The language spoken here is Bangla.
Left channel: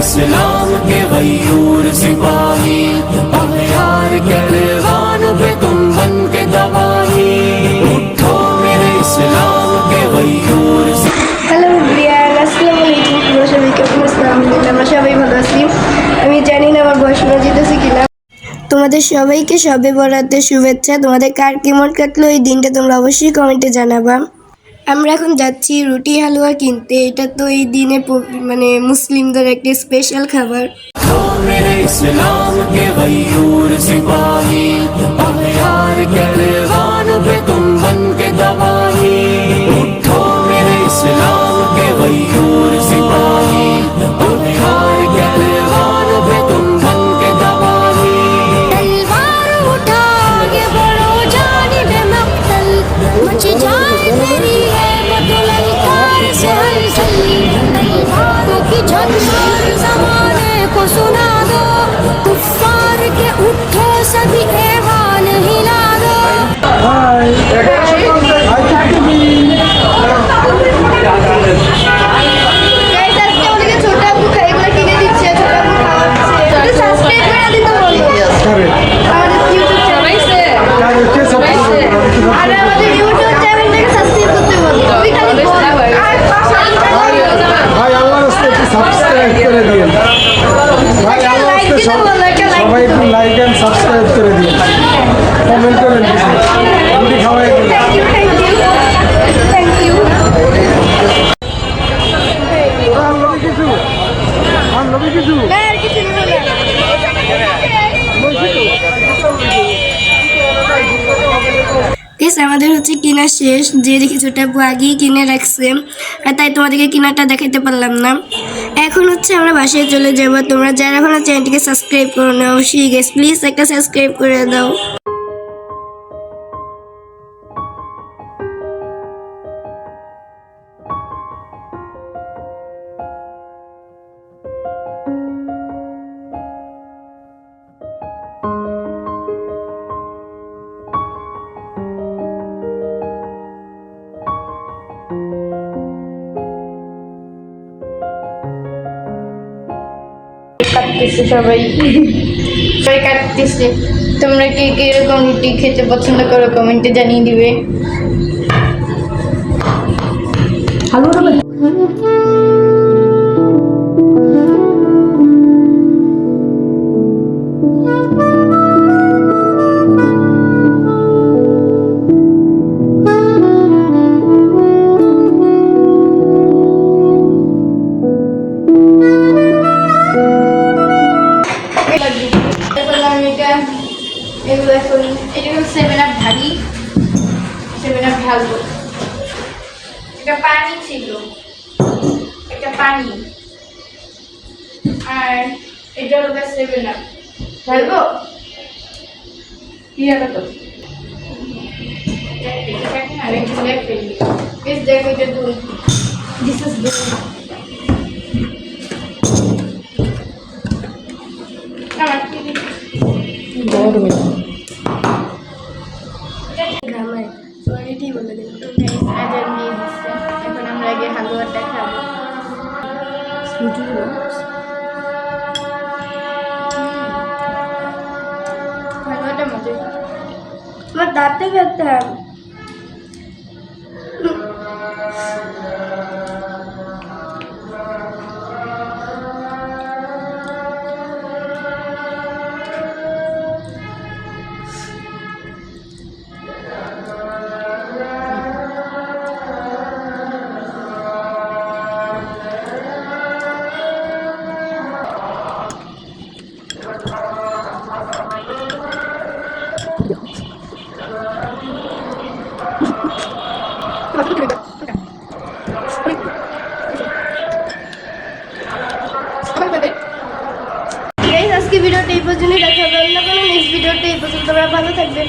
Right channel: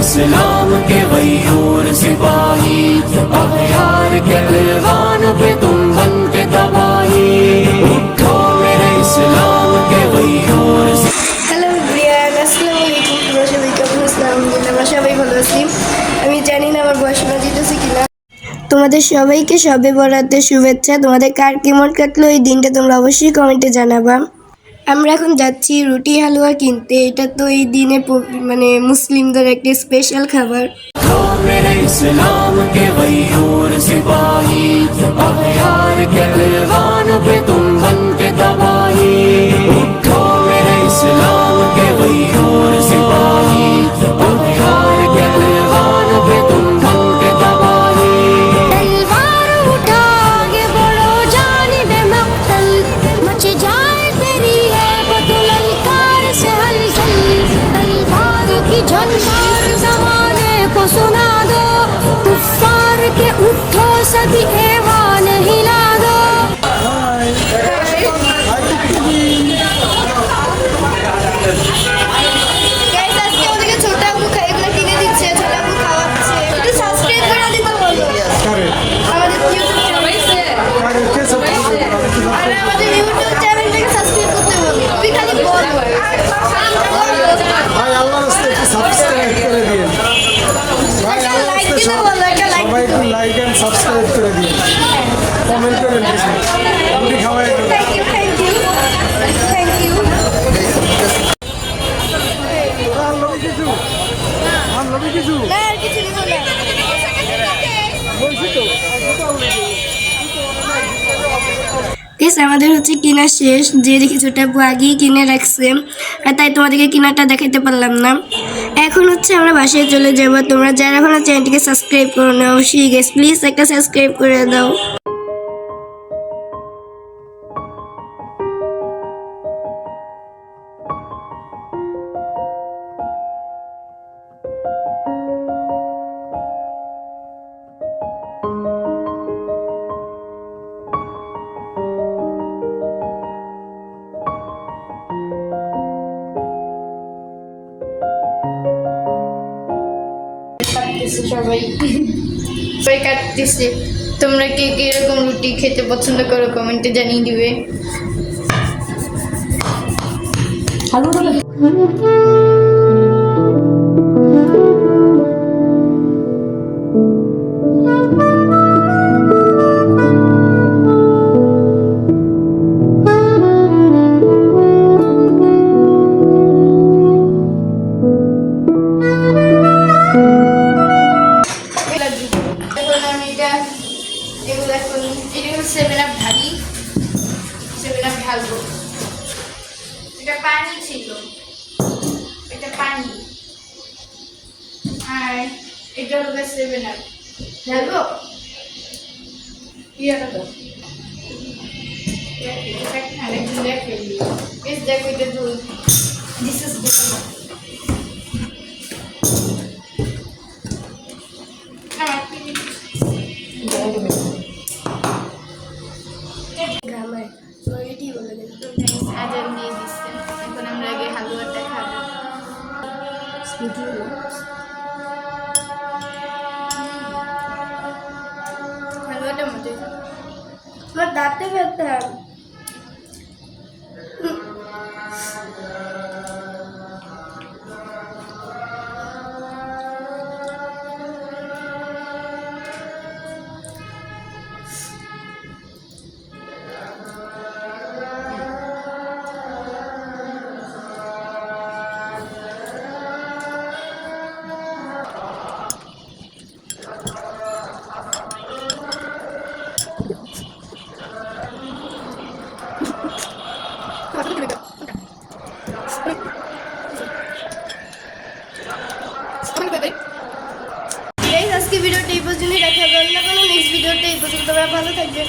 इस्लाम के गयूर सिपाही, अख्यार के ऐवान पे तुम बन के तबाही, उठो मेरे इस्लाम के गयूर। হ্যালো এভরিওয়ান, আসসালামু আলাইকুম। তোমরা সবাই কেমন আছো? আমরা সবাই ভালো আছি। আমি জানি না আমার বয়স শোনা যেতেছে কিনা। তোমাদের সবাইকে শবে বরাতের শুভেচ্ছা। তোমাদের কার কেমন কাটলো এই দিনটা তোমরা অবশ্যই কমেন্টে জানাবা। আমরা এখন যাচ্ছি রুটি হালুয়া কিনতে। এটা তো এই দিনে মানে মুসলিমদের একটা স্পেশাল খাবার। मेरे इस्लाम के गयूर सिपाही, अख्यार के ऐवान पे तुम बन के तबाही, उठो मेरे इस्लाम के गयूर सिपाही, अख्यार के ऐवान पे तुम बन के तबाही। तलवार उठा आगे बढ़ो जानिबे मक्तल, मच जाए तेरी है बदुललकार से हलचल, तलवार की झंकार जमाने को सुना दो, कुफ्फार के उठो सभी ऐवान हिला दो। আমাদের হচ্ছে কিনা শেষ, যে দেখি ছোটা আগেই কিনে রাখছে, আর তাই তোমাদেরকে কিনাটা দেখাতে পারলাম না। এখন হচ্ছে আমরা বাসায় চলে যাব। তোমরা যারা এখনো চ্যানেলটিকে সাবস্ক্রাইব করো না, অবশ্যই গাইস প্লিজ একটা সাবস্ক্রাইব করে দাও। সবাই কাটতেছে। তোমরা কে কে এরকম রুটি খেতে পছন্দ করো কমেন্টে জানিয়ে দিবে। এটা পানি ছিল, এটা পানি, আর এটা হলো 7 আপ। ঢালবো কি হবে তো আরেকটু লেখে দিই। দেখো এটা দুধ, দিস ইজ দুধ। আমার কি গরমে আজান দিয়ে দিচ্ছে। এখন আমরা আগে হালুয়াটা খাবো। হালুয়াটা মজা, আমার দাঁতে ব্যথা। আজকে ভিডিওটা এই পর্যন্ত, দেখা হবে অন্য কোনো নেক্সট ভিডিওটা। এই পর্যন্ত তোমরা ভালো থাকবে।